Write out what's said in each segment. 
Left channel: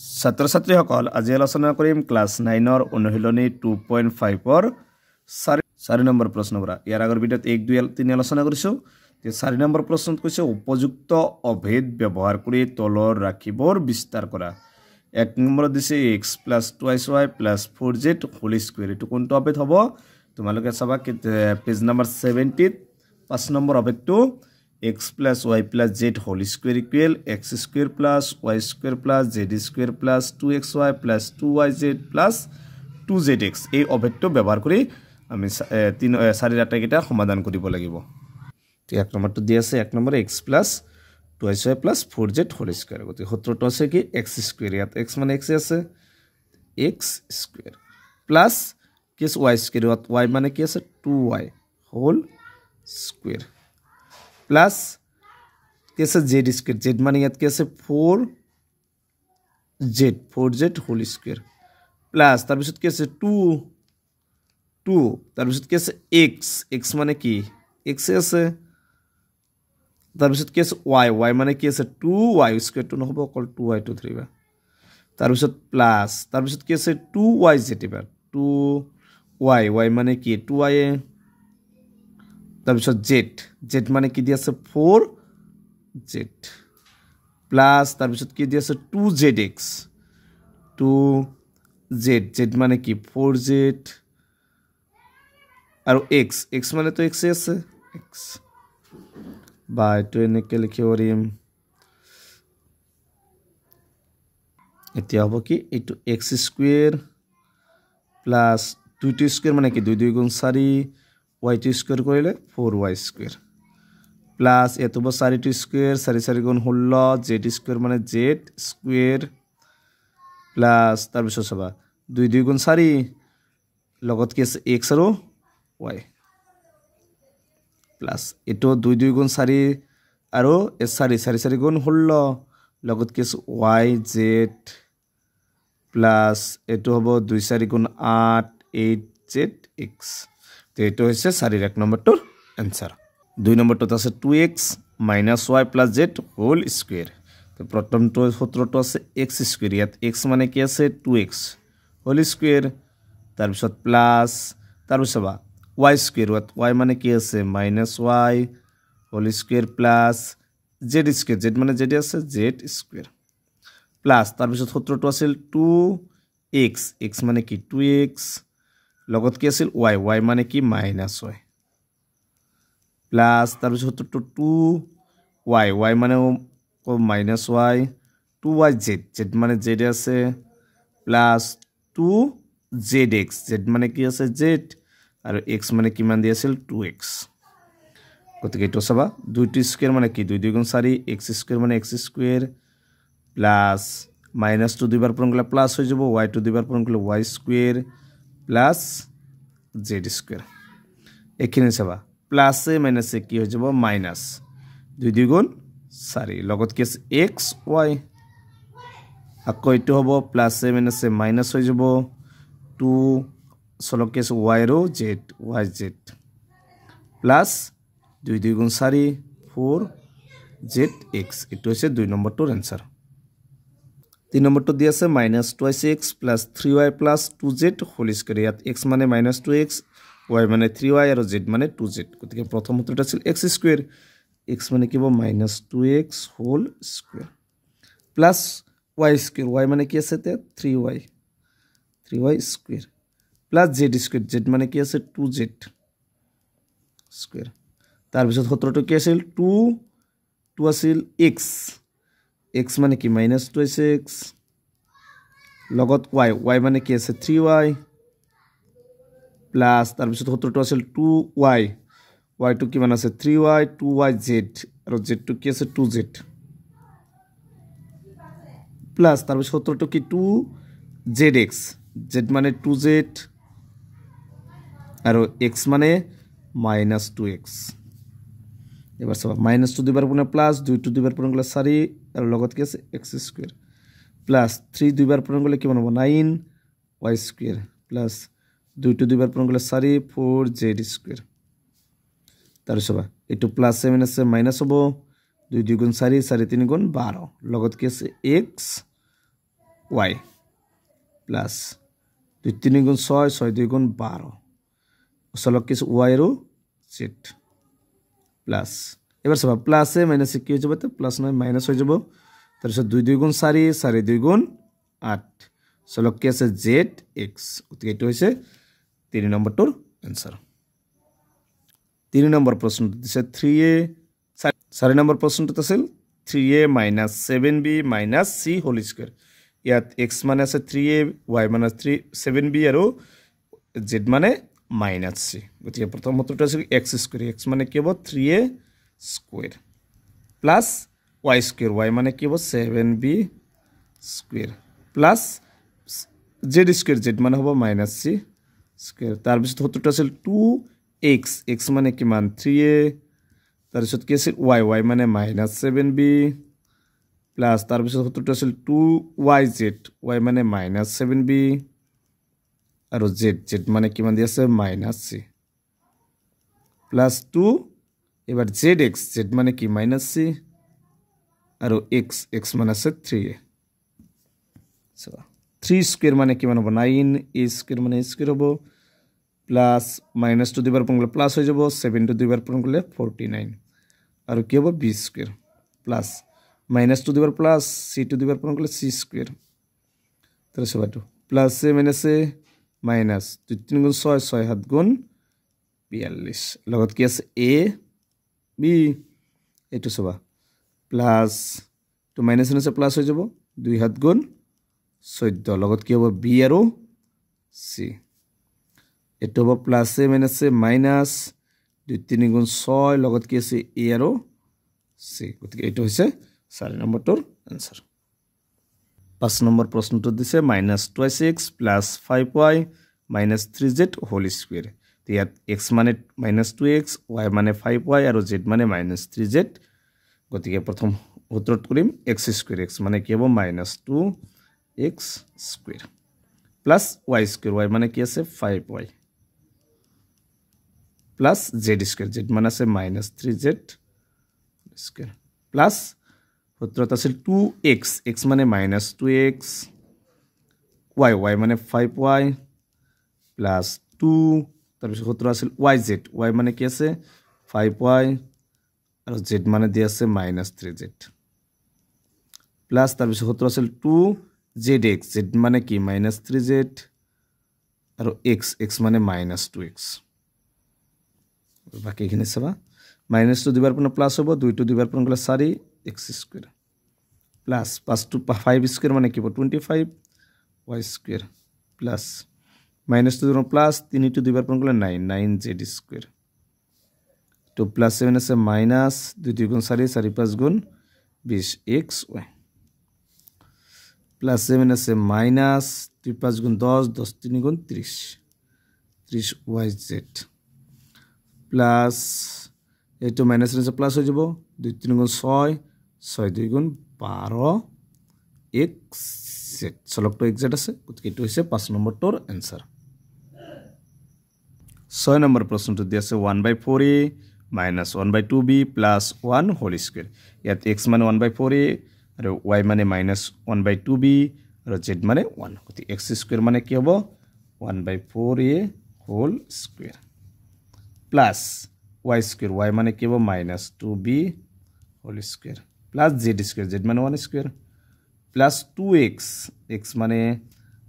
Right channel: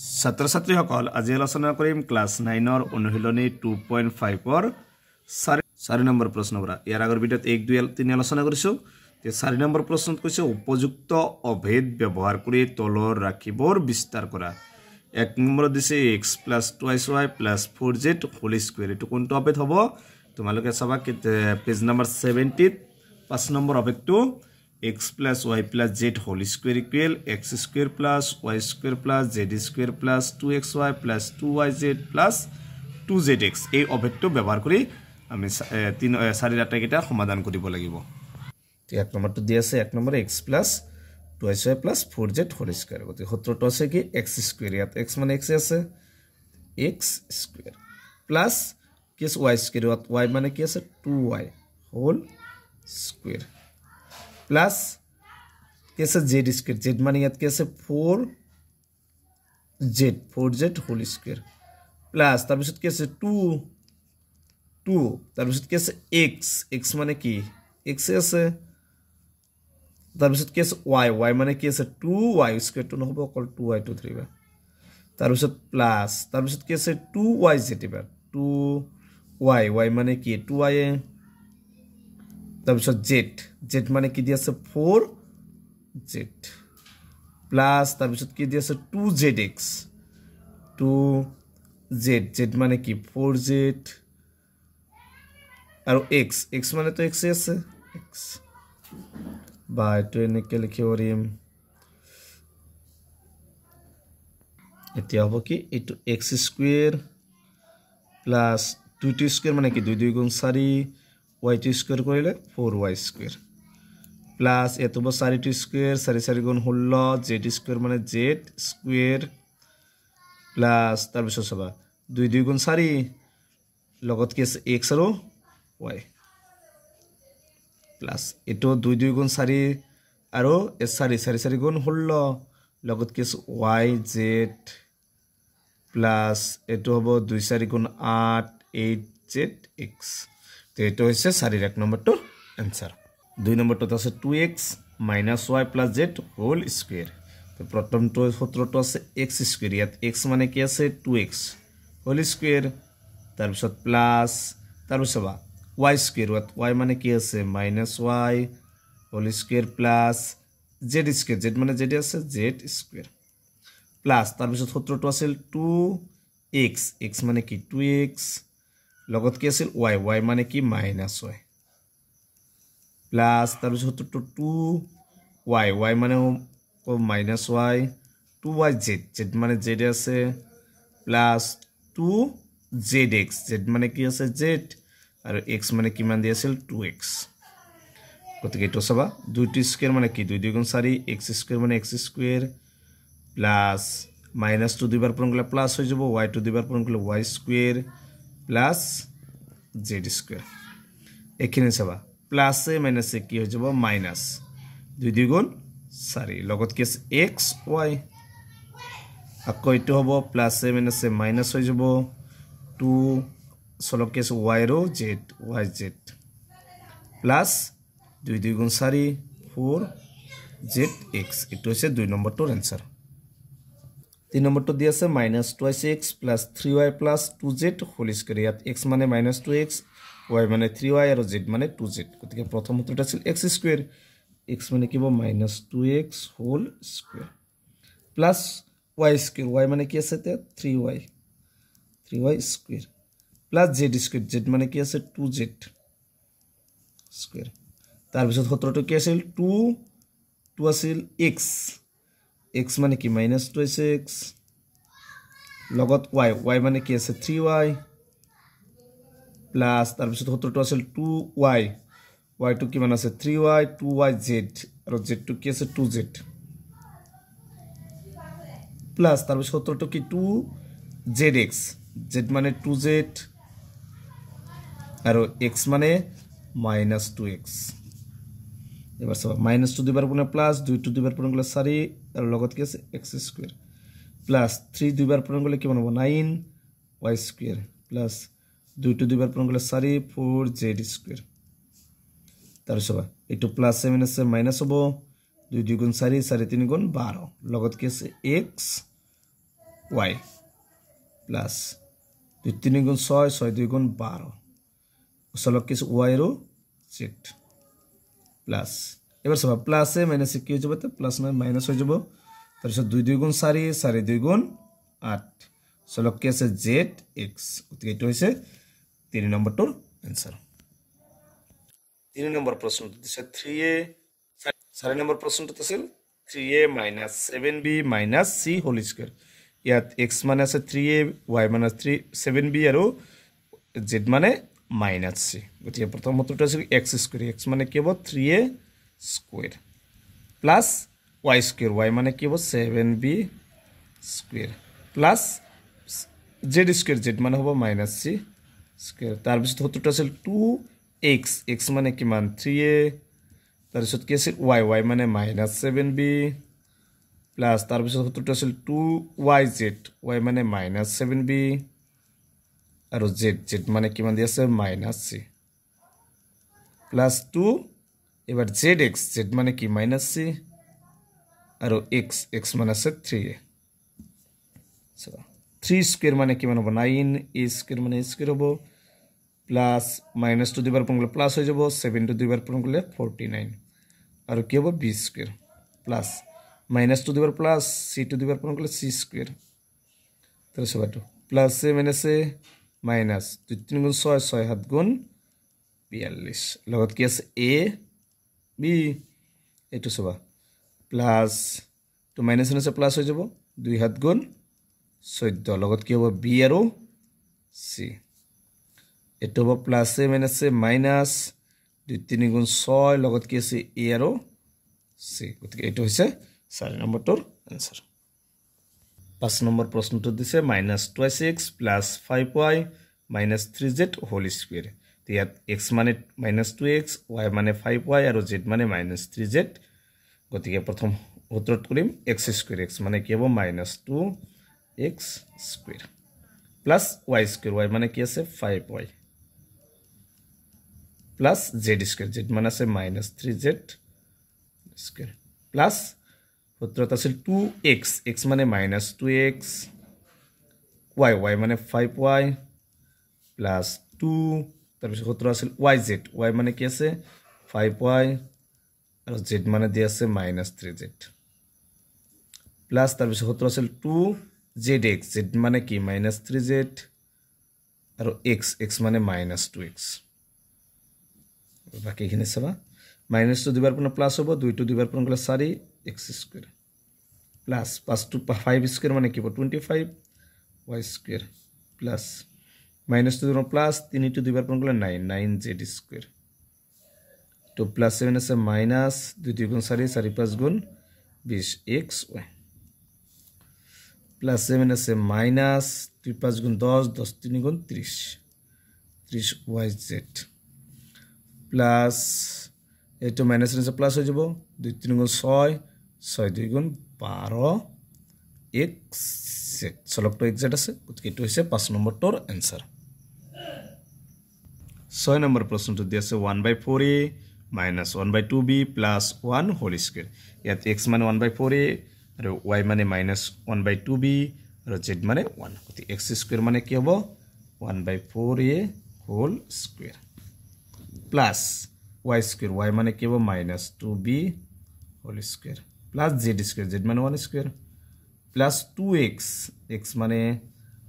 ছাত্ৰ ছাত্ৰীসকল আজি আলোচনা কৰিম ক্লাছ 9 ৰ অনুশীলনী 2.5 ৰ 4 নম্বৰ প্ৰশ্নৰ পৰা ইয়াৰ আগৰ ভিডিঅ'ত 1 2 3 আলোচনা কৰিছো তে 4 নম্বৰ প্ৰশ্নত কৈছে উপযুক্ত অভেদ ব্যৱহাৰ কৰি তলৰ ৰাখিবৰ বিস্তাৰ কৰা 1 নম্বৰ দিছে x + 2y + 4z whole square এটো কোনটো অভেদ হ'ব তোমালোকে চাবা পেজ নম্বৰ 70 5 নম্বৰ অভেদটো x + y + z whole square equal x square plus y square plus z square plus 2xy plus 2yz plus 2zx এই অভেদটো ব্যৱহাৰ কৰি আমি 4 ডাটা কিটা সমাধান কৰিব লাগিব তো এক নম্বৰটো দি আছে এক number x plus 2y plus 4z whole square গতি সূত্ৰটো আছে কি x square ইয়াত x মানে x আছে x square plus কি y square y মানে কি আছে 2y whole square plus कैसे z स्क्वायर z माने याद कैसे 4z होल स्क्वायर प्लस तार पिছত कैसे 2 तार पिছত कैसे x माने की x আছে तार पिছত कैसे y माने की আছে 2y स्क्वायर तो নহব অকল 2y to 3 तार पिছত प्लस तार पिছত कैसे 2yz এবাৰ 2y माने की 2y तार पिছত z माने की দি আছে 4z प्लस तार पिছত কি দি আছে 2zx 2z মানে কি 4z আৰু x মানে তো x আছে x বাই তো এনেকে লিখিব পাৰিম এতিয়া হ'ব কি এটো x square plus 2t square মানে কি 2 2 গুণ 4 y t স্কয়াৰ কৰিলে 4y স্কয়ার প্লাস এত ব 4t স্কয়ার 4 4 গুণ 16 z স্কয়ার মানে z স্কয়ার প্লাস তাৰ পিছত সবা 2 2 গুণ 4 লগত কি আছে x আৰু y প্লাস এটো 2 2 গুণ 4 আৰু 4 4 গুণ 16 লগত কি আছে y z প্লাস এটো হ'ব 2 4 গুণ 8 8z x তো এটো হইছে 4 এক নম্বৰটোৰ आंसर 2 নম্বরটো আছে 2x - y + z whole square তো প্রথমটো সূত্রটো আছে x স্কয়ার ইয়াত x মানে কি আছে 2x হোল স্কয়ার তাৰ পিছত প্লাস তাৰ পিছত y স্কয়ার y মানে কি আছে -y whole square plus z square z মানে z আছে z স্কয়ার প্লাস তাৰ পিছত সূত্রটো আছিল 2x x মানে কি 2x লগত কি আছিল y মানে কি -y প্লাস তাৰ পিছত তো 2y মানে -y 2yz z মানে z আছে প্লাস 2zx z মানে কি আছে z আৰু x মানে কিমান দি আছিল 2x গতিকে এটো সবা 2t স্কয়ার মানে কি 2 2 গুণ 4 x স্কয়ার মানে x স্কয়ার প্লাস -2 দুইবার পূরণ করলে প্লাস হয়ে যাব y2 দুইবার পূরণ করলে y square plus z square এখানে সবা প্লাস এ মাইনাস এ কি হয়ে যাব মাইনাস 2 2 গুণ 4 লগত কি আছে x y আকৌ এটো হ'ব প্লাস এ মাইনাস এ মাইনাস হয়ে যাব 2 সলক কি আছে y रो z yz প্লাস 2 2 গুণ 4 4zx এটো হইছে 2 নম্বৰটোৰ आंसर 3 নম্বরটো দি আছে -2x + 3y + 2z whole square ইয়াত x মানে -2x y মানে 3y আৰু z মানে 2z গতিকে প্ৰথম সূত্ৰটো আছিল x স্কয়ার x মানে কি হ'ব -2x whole square plus y square y মানে কি আছে তে 3y square plus z square z মানে কি আছে 2z স্কয়ার তাৰ পিছত সূত্ৰটো কি আছিল 2 আছিল x মানে কি -2x লগত y মানে কি আছে 3y প্লাস তাৰ পিছত সূত্ৰটো আছিল 2y y টু কিমান আছে 3y 2yz আৰু z টু কি আছে 2z প্লাস তাৰ পিছত সূত্ৰটো কি 2zx z মানে 2z আৰু x মানে -2x এবাৰ সব -2 দুইবাৰ পুনে প্লাস 2 2 দুইবাৰ পুনে গলে 4 আৰু লগত কি আছে x স্কয়াৰ প্লাস 3 দুইবাৰ পুনে গলে কিমান হ'ব 9y স্কয়াৰ প্লাস 2 2 দুইবাৰ পুনে গলে 4 4z স্কয়াৰ তাৰ সব এটো প্লাস এ মাইনাস এ মাইনাস হ'ব 2 2 গুণ 4 4 3 গুণ 12 লগত কি আছে x y প্লাস 2 3 গুণ 6 6 2 গুণ 12 চলক কি y আৰু z প্লাস এবাৰ সব প্লাস এ মাইনাস কি হৈ যাব তে প্লাস নাই মাইনাস হৈ যাব তাৰ পিছত 2 2 গুণ 4 4 2 গুণ 8 চলক কি আছে zx গতিকে এটো হৈছে 3 নম্বৰটোৰ आंसर 3 নম্বৰ প্ৰশ্নটো দিছে 3a 4 নম্বৰ প্ৰশ্নটো আছিল 3a - 7b - c whole square ইয়াত x মানে আছে 3a y মানে 7b আৰু z মানে -c গতিকে প্ৰথম উত্তৰটো আছে x স্কয়াৰ x মানে কি হ'ব 3a square plus y square y মানে কি হ'ব 7b square plus z square z মানে হ'ব -c স্কয়াৰ তাৰ পিছত উত্তৰটো আছিল 2x x মানে কিমান 3a তাৰ পিছত কি আছিল y y মানে -7b প্লাস তাৰ পিছত উত্তৰটো আছিল 2yz y মানে -7b আৰু z z মানে কিমান দি আছে -c প্লাস 2 এবাৰ zx z মানে কি -c আৰু x x মানে আছে 3a সো 3 স্কয়াৰ মানে কিমান হ'ব 9 a স্কয়াৰ মানে a স্কয়াৰ হ'ব প্লাস -2 দুইবাৰ পূৰণ কৰিলে প্লাস হৈ যাব 7 টু দুইবাৰ পূৰণ কৰিলে 49 আৰু কি হ'ব b স্কয়াৰ প্লাস -2 দুইবাৰ প্লাস c টু দুইবাৰ পূৰণ কৰিলে c স্কয়াৰ তাৰ সবটো plus a minus a minus 2 3 গুণ 6 6 7 গুণ 42 লগত কি আছে a b এটো সবা প্লাস তো মাইনাস আছে প্লাস হৈ যাব 2 7 গুণ 14 লগত কি হ'ব b আৰু c এটো হ'ব plus a minus a minus 2 3 গুণ 6 লগত কি আছে a আৰু c গতিকে এটো হৈছে 4 নম্বৰটোৰ आंसर 5 নম্বৰ প্ৰশ্নটো দিছে -2x + 5y - 3z whole square ইয়াত x মানে -2x y মানে 5y আৰু z মানে -3z গতিকে প্ৰথম উত্তৰত কৰিম x স্কয়াৰ x মানে কি হ'ব -2x square plus y square y মানে কি আছে 5y plus z square z মানে আছে -3z স্কয়াৰ প্লাস উত্তৰত আছিল 2x x মানে -2x y y মানে 5y প্লাস 2 তাৰ পিছত উত্তৰ আছিল yz y মানে কি আছে 5y আৰু z মানে দি আছে -3z প্লাস তাৰ পিছত উত্তৰ আছিল 2zx z মানে কি -3z আৰু x x মানে -2x বাকিখিনি চাবা -2 দুইবাৰ পূৰণ প্লাস হ'ব 2 টু দুইবাৰ পূৰণ কৰিলে 4 x square plus 5 to 5 square মানে কি হ'ব 25 y স্কয়াৰ প্লাস -2 দুইবাৰ প্লাস 3 টু দুইবাৰ পূৰণ কৰিলে 9 9z স্কয়াৰ তো প্লাস 7 আছে মাইনাস 2 2 গুণ 4 4 5 গুণ 20 x y প্লাস 7 আছে মাইনাস 2 5 গুণ 10 10 3 গুণ 30 30 yz প্লাস এটো মাইনাস আছে প্লাস হৈ যাব 2 3 গুণ 6 6 2 গুণ 12 x z চলকটো x z আছে গতিকে এটো হৈছে 5 নম্বৰটোৰ आंसर 6 নম্বৰ প্ৰশ্নটো দি আছে 1/4a - 1/2b + 1 হোল স্কয়াৰ ইয়াত x মানে 1/4a আৰু y মানে -1/2b আৰু z মানে 1 গতিকে x স্কয়াৰ মানে কি হ'ব 1/4a whole square plus y square y মানে কি হ'ব -2b whole square plus z square z মানে 1 স্কয়াৰ প্লাস 2x x মানে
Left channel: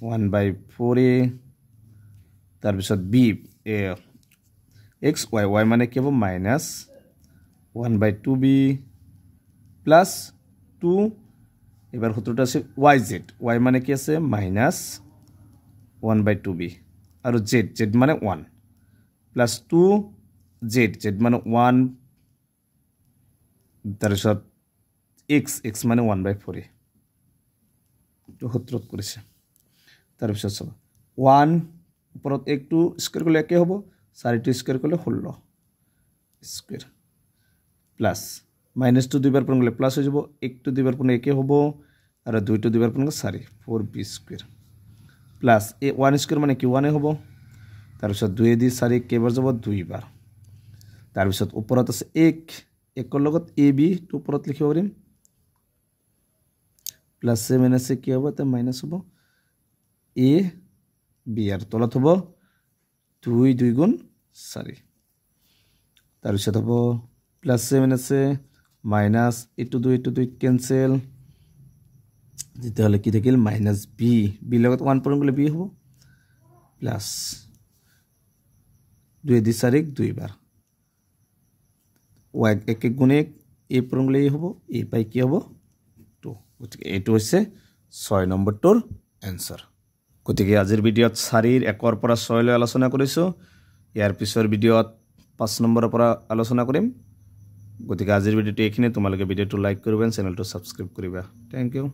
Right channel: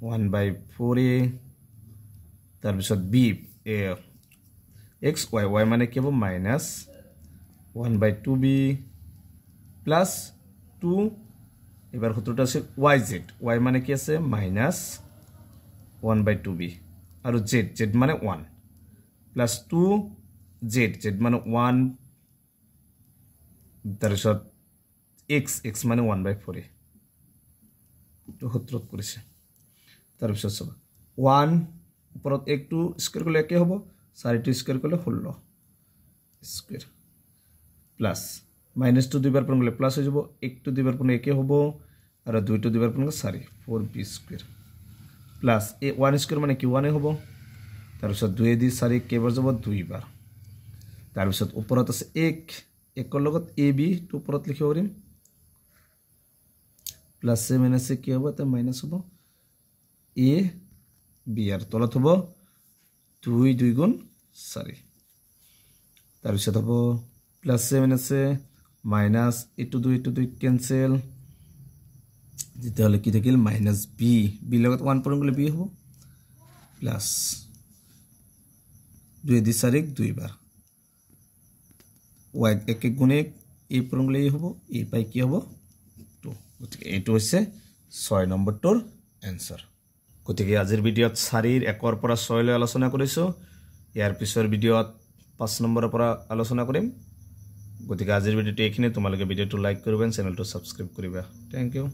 1/4a তাৰ পিছত b x y y মানে কি হ'ব -1/2b প্লাস 2 এবাৰ সূত্ৰটো আছে yz y মানে কি আছে -1/2b আৰু z z মানে 1 প্লাস 2z z মানে 1 তাৰ পিছত x x মানে 1/4 তো সূত্ৰত কৰিছে তাৰ পিছত সব 1 ওপৰত 1 টু স্কয়াৰ কৰিলে কি হ'ব 4 টু স্কয়াৰ কৰিলে 16 স্কয়াৰ প্লাস -2 দুইবাৰ পূৰণ কৰিলে প্লাস হৈ যাব 1 টু দুইবাৰ পূৰণ একে হ'ব আৰু 2 টু দুইবাৰ পূৰণ কৰিলে 4 4b স্কয়াৰ প্লাস 1 স্কয়াৰ মানে কি 1 হ'ব তাৰ পিছত 2 দি 4 কেইবাৰ যাব 2 বাৰ তাৰ পিছত ওপৰত আছে 1 1 লগত ab টো ওপৰত লিখিব পাৰিম প্লাস এ মাইনাস এ কি হব তা মাইনাস হব এ বি আর তলত হব 2 2 গুণ 4 তাৰপিছত হব প্লাস এ মাইনাস এ মাইনাস এটো 2 ক্যান্সেল যেতিয়ালে কি থাকিল মাইনাস বি বি লগত 1 পৰং গলে বি হব প্লাস 2 দি 4 2 বাৰ y এক এক গুণে a পৰং গলে হব a পাই কি হব 2 গতিকে এটো হৈছে 6 নম্বৰটোৰ आंसर গতিকে আজিৰ ভিডিওত 4 ৰ 1 ৰ পৰা 6 লৈ আলোচনা কৰিছো ইয়াৰ পিছৰ ভিডিওত 5 নম্বৰৰ পৰা আলোচনা কৰিম গতিকে আজিৰ ভিডিওটো এইখিনি তোমালোকে ভিডিওটো লাইক কৰিবা চেনেলটো সাবস্ক্ৰাইব কৰিবা থ্যাংক ইউ